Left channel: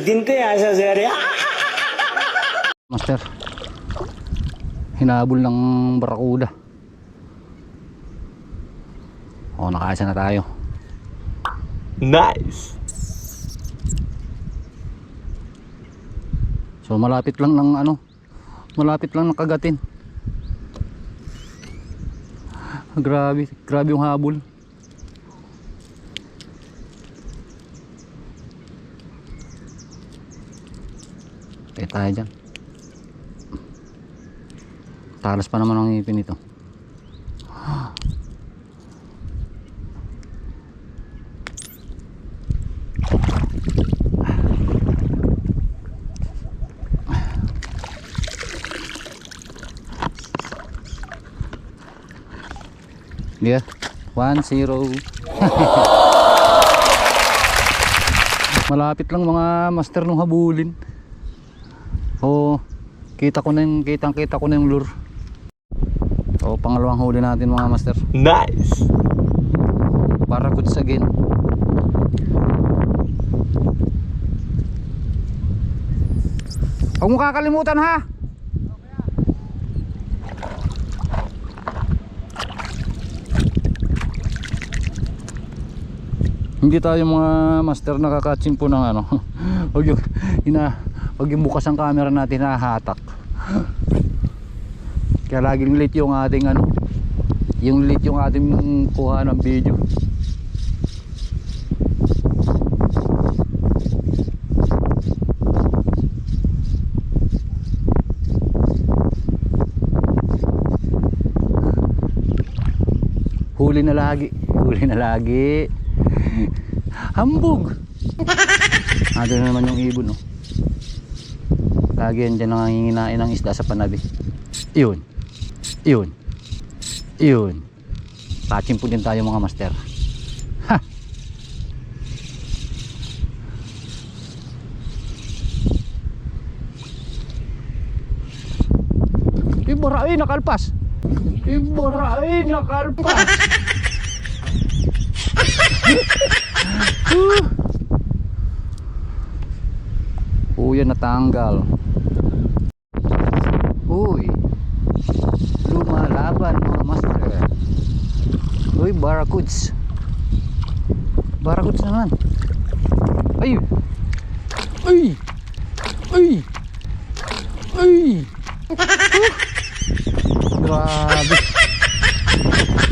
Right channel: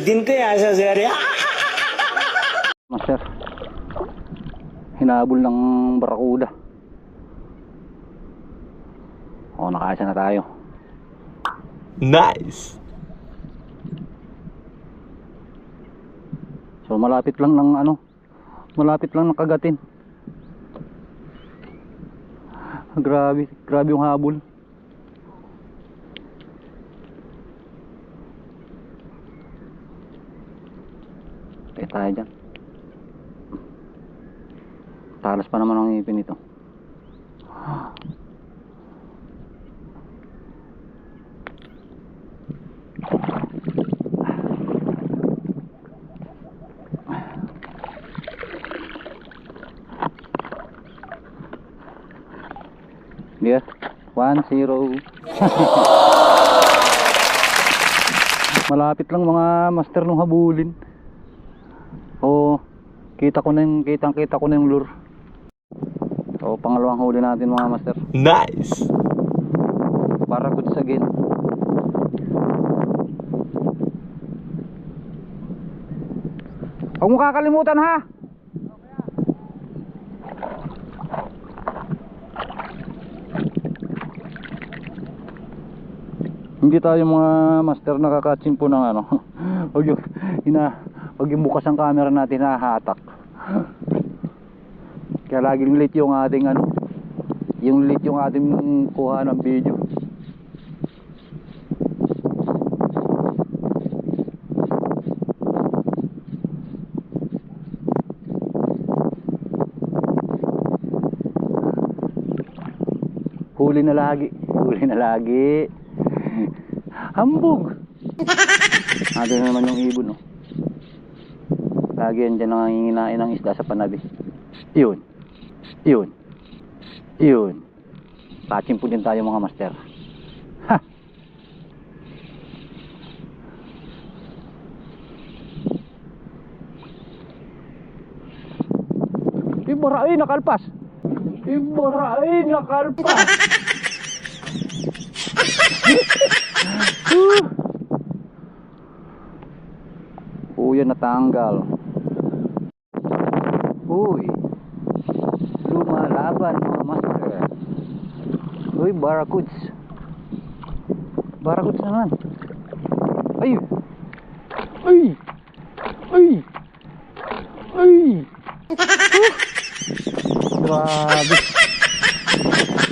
दिन ko yan sa sir. Master, hinabol ng barakuda. O, nakaisa na tayo. Nice. So malapit lang ng malapit lang ng kagatin. Grabe yung habol. Tayo dyan. Talas pa naman ang ngipin ito. Yeah, 1-0. Malapit lang mga master nung habulin. Oh, kita ko na yung lure. So, pangalawang huli natin mga master. Nice. Para goods again. Huwag mo kakalimutan ha. Hindi tayo mga master nakakatsimpo ng Huwag yung bukas ang camera natin nahahatak. Kaya laging late yung ating yung ating kuha ng video. Huli na lagi. Hambog. Ado naman yung ibon, no. Lagi yan dyan nanginginain ng isda sa panabi. Yun. Patching po din tayo mga master. Ha! Ibarain nakalpas. Yan natanggal. Uy, lumalaban mga master. Uy, barracuds naman. Ay. Grabe.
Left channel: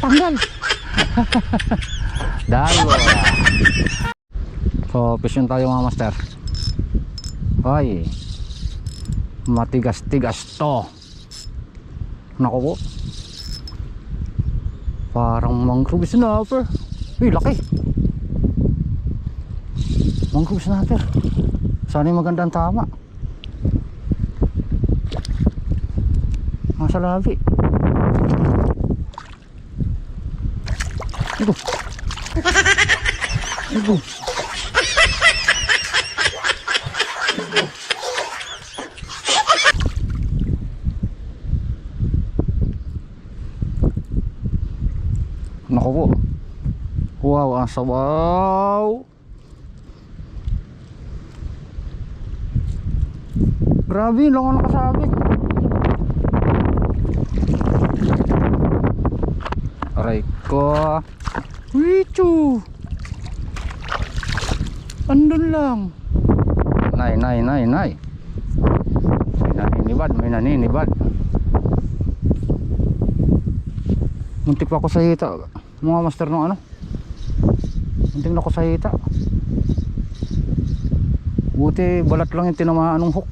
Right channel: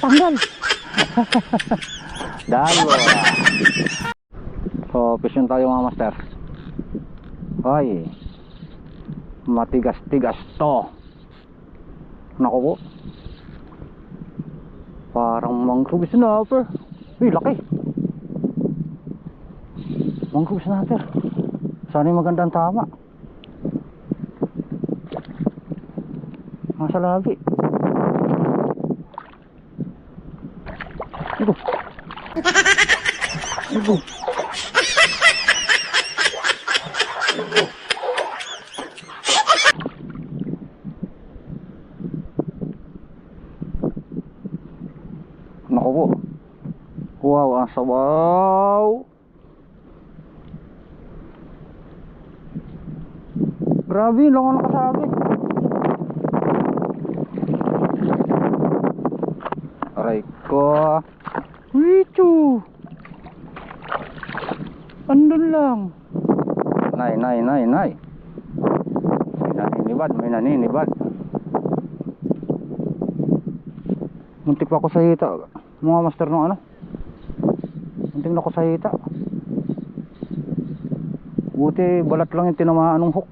Tanggal. Dalo. So, fishing tayo mga master. Ay, matigas-tigas to. Naku po, parang mangrove snapper. Uy, laki. Mangrove snapper. Sana yung magandang tama. Nasa labi. Ito. Naku po. Wow, ang sabaw. Grabe, lang ako nakasabit. Aray ko. Wichu. Andun lang. Nay. May naninibad. Muntik pa ako sa hita. Mga master ng muntik na ako sa hita. Buti balat lang yung tinamaan ng hook.